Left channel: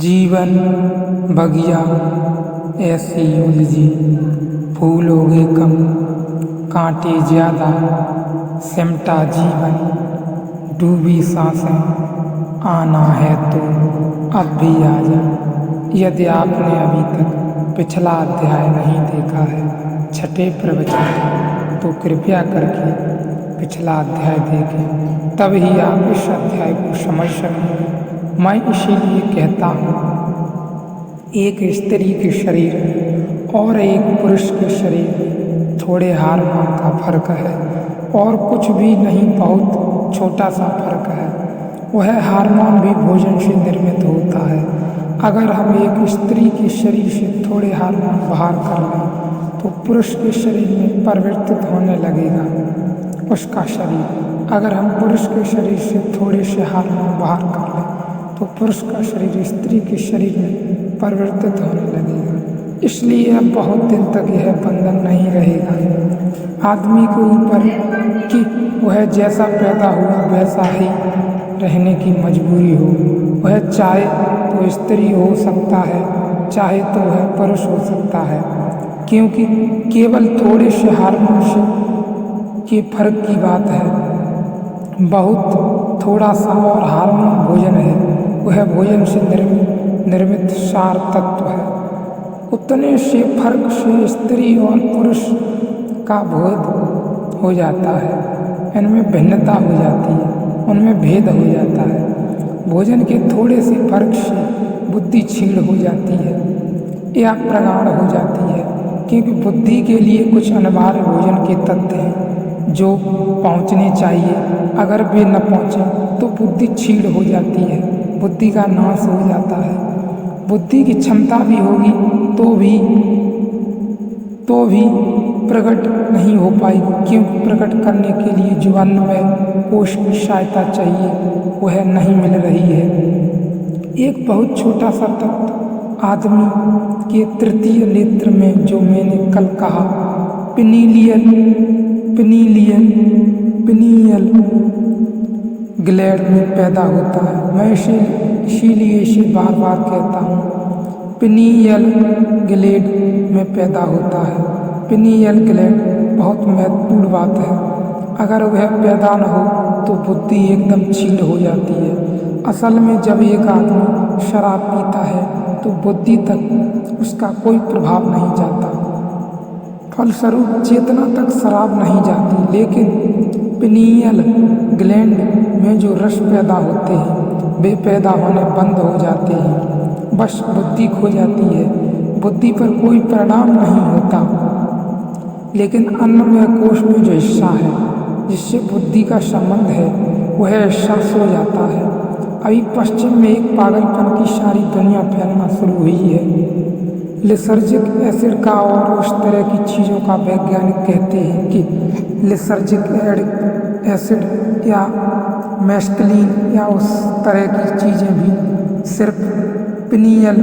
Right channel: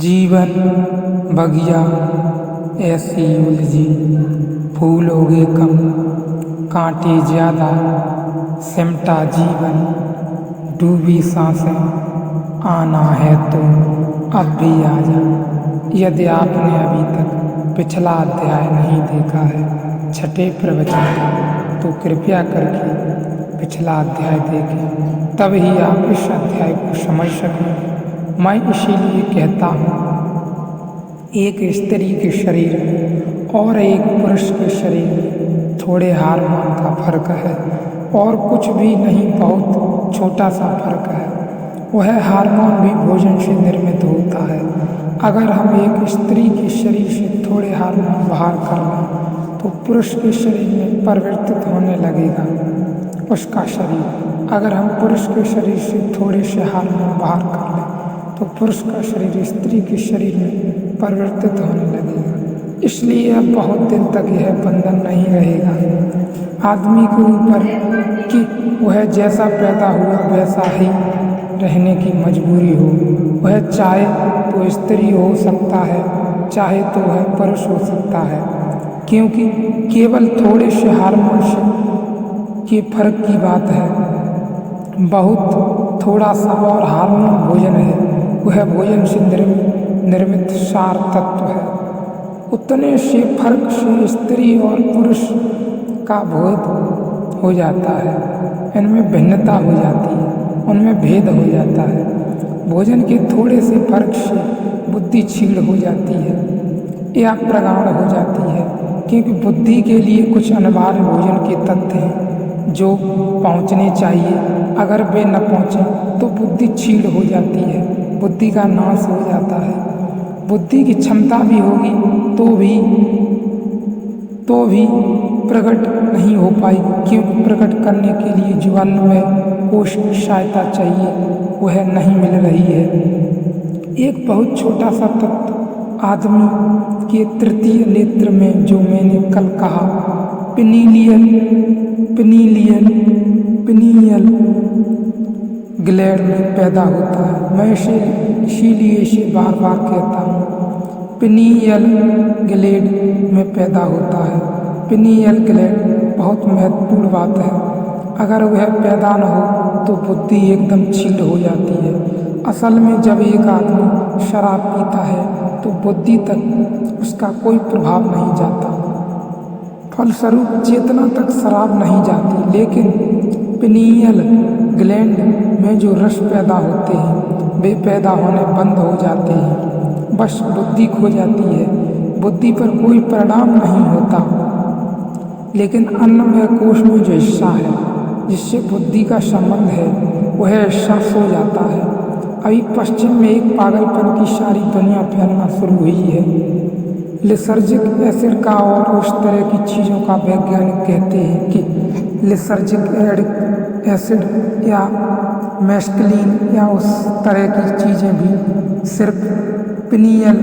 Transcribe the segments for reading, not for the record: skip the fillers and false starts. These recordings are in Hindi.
जीवन बगिया ऐसी उलझी, फूल होगे कम कांटे ज्यादा, सिमटा जीवन डूबी सांसें, आना है तो अब भी आजा। यदि आपने अभी तक पिछला अध्याय नहीं देखा है छठे प्रवचन का, तो कृपया करके पिछला अध्याय देखें, तब ही आप इस अध्याय को समझ सकेंगे। मैं इसीलिए कहता हूँ, एक स्त्री के शरीर में और एक पुरुष के शरीर में थोड़े हार्मोन का फर्क है, और कुछ भी नहीं, बहुत छोटा सा फर्क है। वह हार्मोन भी भोजन से निर्मित होता है। अगर हम एक स्त्री के शरीर से थोड़े हार्मोन बाहर कर लें तो पुरुष के शरीर में परिवर्तित होने लगेगा उसका शरीर। अगर हम पुरुष के शरीर से थोड़े से हार्मोन बाहर कर लें तो पुरुष का शरीर स्त्री के शरीर में परिवर्तित होने लगेगा। इसलिए अब बहुत दिन तक यह बंधन नहीं रहेगा आदमी के ऊपर कि वह जैसा पैदा हुआ वैसा ही रहने की मजबूरी हो। वह चाहे तो स्त्री हो सकता है, चाहे तो वह पुरुष हो सकता है, क्योंकि केवल थोड़े से हार्मोन से के फर्क की बात है। बहुत थोड़ा सा और हार्मोन भोजन है, वह भोजन से निर्मित सार तत्व है। उतने से फर्क से स्त्री और पुरुष का बोध हो जाता है, इनमें भिन्नता हो जाती है, उनमें भेद हो जाता है। भोजन के थोड़े से फर्क से बुद्धि क्षीण हो जाती है या प्रगाढ़ हो जाती है, क्योंकि बुद्धि के लिए कुछ अनिवार्य भोजन के तत्व हैं जो पहुँचने चाहिए। अगर वे न पहुँचें तो बुद्धि क्षीण हो जाती है, बुद्धि का नाश हो जाता है। बुद्धि की क्षमता भी होगी तो भी प्रकट नहीं हो पाएगी, क्योंकि प्रकट करने के लिए जो अन्नमय कोश की सहायता चाहिए वह नहीं मिल रही है। एक बहुत छोटा सा तत्व आदमी के तृतीय नेत्र में, जो मैंने कल कहा, पिनीयल ग्लैंड में पैदा होता है। मैं इसीलिए इसे बार बार कहता हूँ, पिनीयल ग्लैंड में पैदा होता है। पिनीयल ग्लैंड बहुत महत्वपूर्ण बात है। अगर वह पैदा न हो तो बुद्धि एकदम क्षीण हो जाती है। असल में जब एक आदमी शराब पीता है तो बुद्धि तक उसका कोई प्रभाव नहीं जाता, फलस्वरूप चेतना तक शराब नहीं जाती, लेकिन पिनीयल ग्लैंड में जो रस पैदा होते हैं वे पैदा होने बंद हो जाते हैं। बस बुद्धि खो जाती है, बुद्धि पर कोई परिणाम नहीं होता। लेकिन अन्नमय कोश में जो हिस्सा है जिससे बुद्धि का संबंध है वह हिस्सा सो जाता है। अभी पश्चिम में एक पागलपन की सारी दुनिया फैलना शुरू हुई है। लिसर्जिक एसिड का और उस तरह की चीज़ों का वैज्ञानिक कहते हैं कि लिसर्जिक एसिड या मैस्कलीन या उस तरह की चीज़ें भी सिर्फ पिनीयल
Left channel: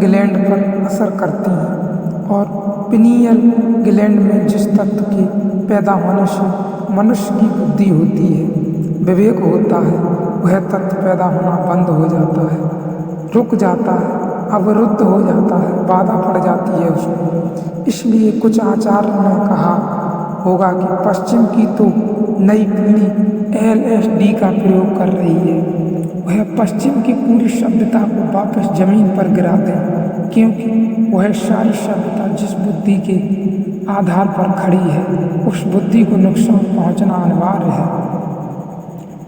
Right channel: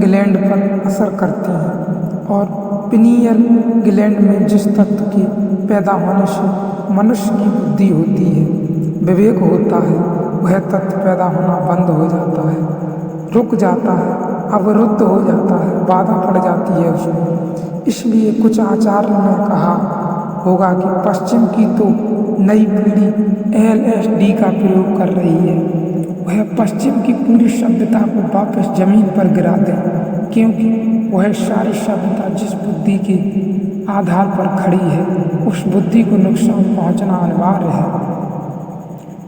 ग्लैंड पर असर करती हैं, और पिनीयल ग्लैंड में जिस तत्व के पैदा होने से मनुष्य की बुद्धि होती है, विवेक होता है, वह तत्व पैदा होना बंद हो जाता है, रुक जाता है, अवरुद्ध हो जाता है, बाधा पड़ जाती है उसमें। इसलिए कुछ आचार्य ने कहा होगा कि पश्चिम की तो नई पीढ़ी LSD का प्रयोग कर रही है, वह पश्चिम की पूरी सभ्यता को वापस जमीन पर गिरा दे, क्योंकि वह सारी सभ्यता जिस बुद्धि के आधार पर खड़ी है उस बुद्धि को नुकसान पहुंचना अनिवार्य है।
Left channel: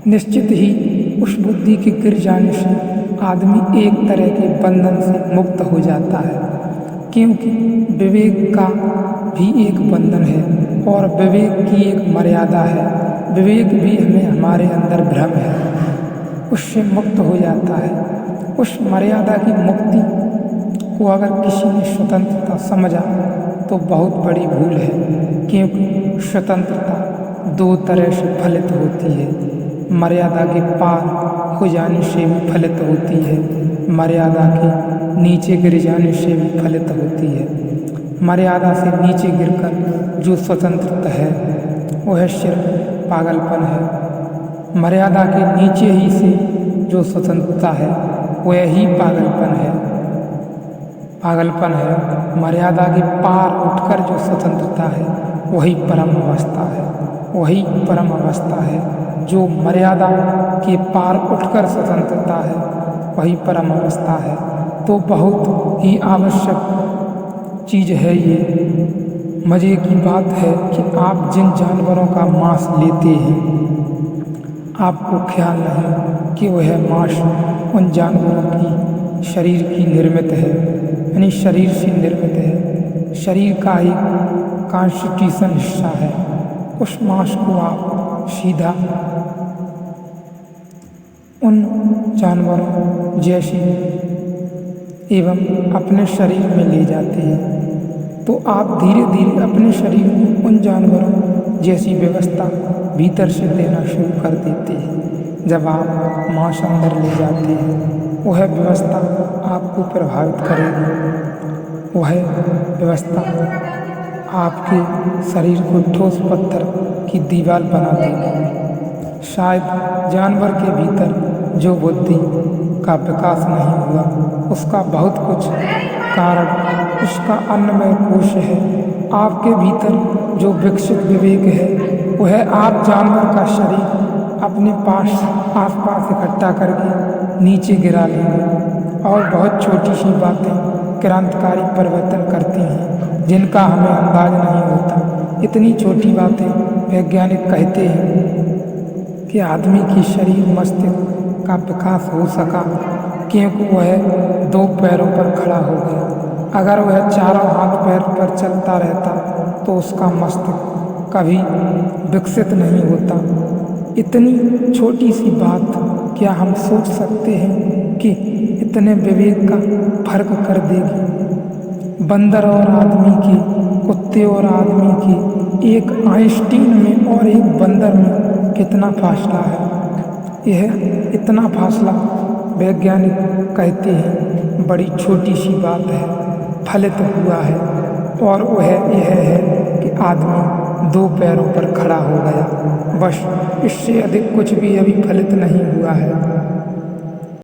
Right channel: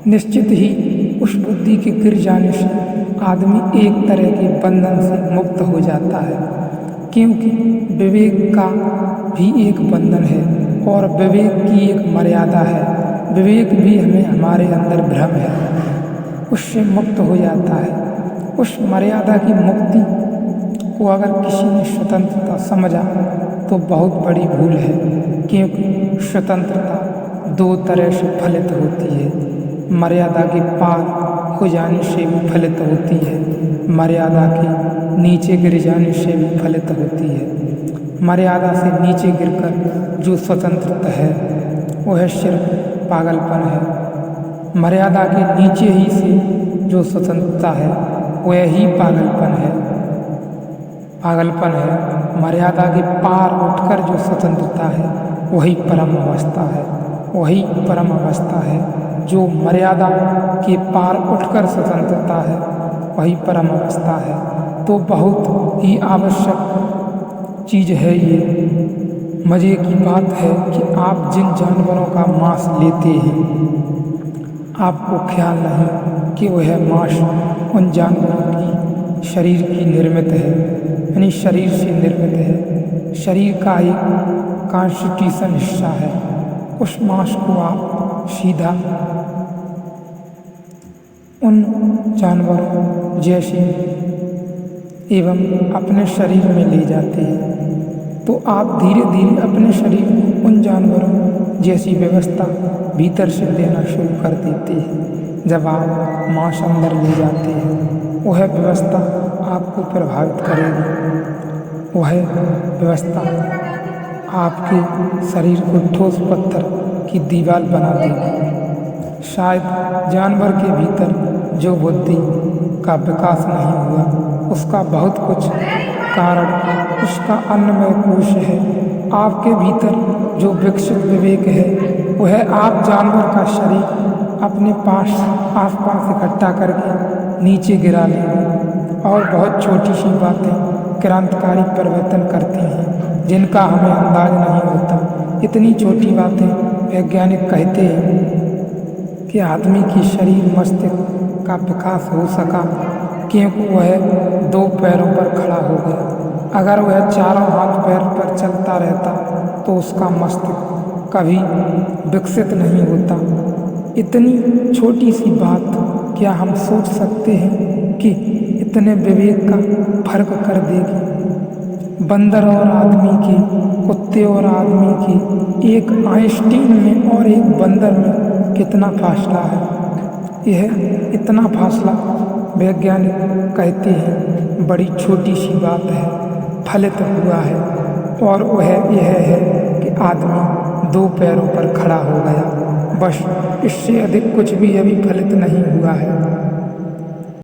निश्चित ही उस बुद्धि के गिर जाने से आदमी एक तरह के बंधन से मुक्त हो जाता है, क्योंकि विवेक का भी एक बंधन है और विवेक की एक मर्यादा है। विवेक भी हमें हमारे अंदर भ्रम है, उससे मुक्त हो जाता है। उस मर्यादा की मुक्ति को अगर किसी ने स्वतंत्रता समझा तो बहुत बड़ी भूल है, क्योंकि स्वतंत्रता दो तरह से फलित होती है। मर्यादा के पार हो जाने से भी फलित होती है, मर्यादा के नीचे गिर जाने से भी फलित होती है। मर्यादा से नीचे गिरकर जो स्वतंत्रता है वह सिर्फ पागलपन है। मर्यादा के नीचे ही से जो स्वतंत्रता है वही पागलपन है। पागलपन है मर्यादा के पार उठकर जो स्वतंत्रता है, वही परम अवस्था है। वही परम अवस्था है जो मर्यादा के पार उठकर स्वतंत्रता है, वही परम अवस्था है। तो बहुत ही आवश्यक चीज़ है ये। मज़े की बात है कि आप जिन जानवरों का मांस लेते हैं, आपको ख्याल नहीं कि वह मांस उन जानवरों की शरीर की निर्मित है, यानी शरीर से निर्मित है, शरीर का एक कॉन्स्टिट्यूशन हिस्सा है। उस मांस को आप सीधा उन जानवरों जैसे एवं अपने शरीर में ले जाते हैं, तो आप धीरे धीरे अपने शरीर को उन जानवरों जैसी व्यवस्था भीतर से देना शुरू कर देते हैं। जब आप मांस अंदर ले जाते हैं, वह व्यवस्था आपको प्रभावित करेगी। वह व्यवस्था आपके शरीर को ठोस पत्थर की दीवार बना देगी। शायद जानवर के भीतर जो बुद्धि का विकास नहीं हुआ, उसका बहुत कुछ कारण उसका अन्नमय कोश है। आपके भीतर जो विकसित विवेक है, वह आप जानवर का शरीर अपने पास आसपास इकट्ठा करके नीचे गिरा लेंगे और बहुत छोटी सी बातें क्रांतिकारी परिवर्तन करती हैं, जिनका हमें अंदाज नहीं होता। इतनी छोटी बातें वैज्ञानिक कहते हैं कि आदमी की शरीर मस्तिष्क का विकास हो सका क्योंकि वह 2 पैरों पर खड़ा हो गया। अगर वह चारों हाथ पैर पर चलता रहता तो उसका मस्तिष्क कभी विकसित नहीं होता। इतनी छोटी सी बात क्या हम सोच सकते हैं कि इतने विवेक का फर्क कर देगी। बंदर और आदमी की, कुत्ते और आदमी की, एक आइंस्टीन में और एक बंदर में कितना फासला है। यह इतना फासला वैज्ञानिक कहते हैं बड़ी छोटी सी बात है, फलित हुआ है, और वह यह है कि आदमी 2 पैरों पर खड़ा हो गया। बस इससे अधिक कुछ भी अभी फलित नहीं हुआ है।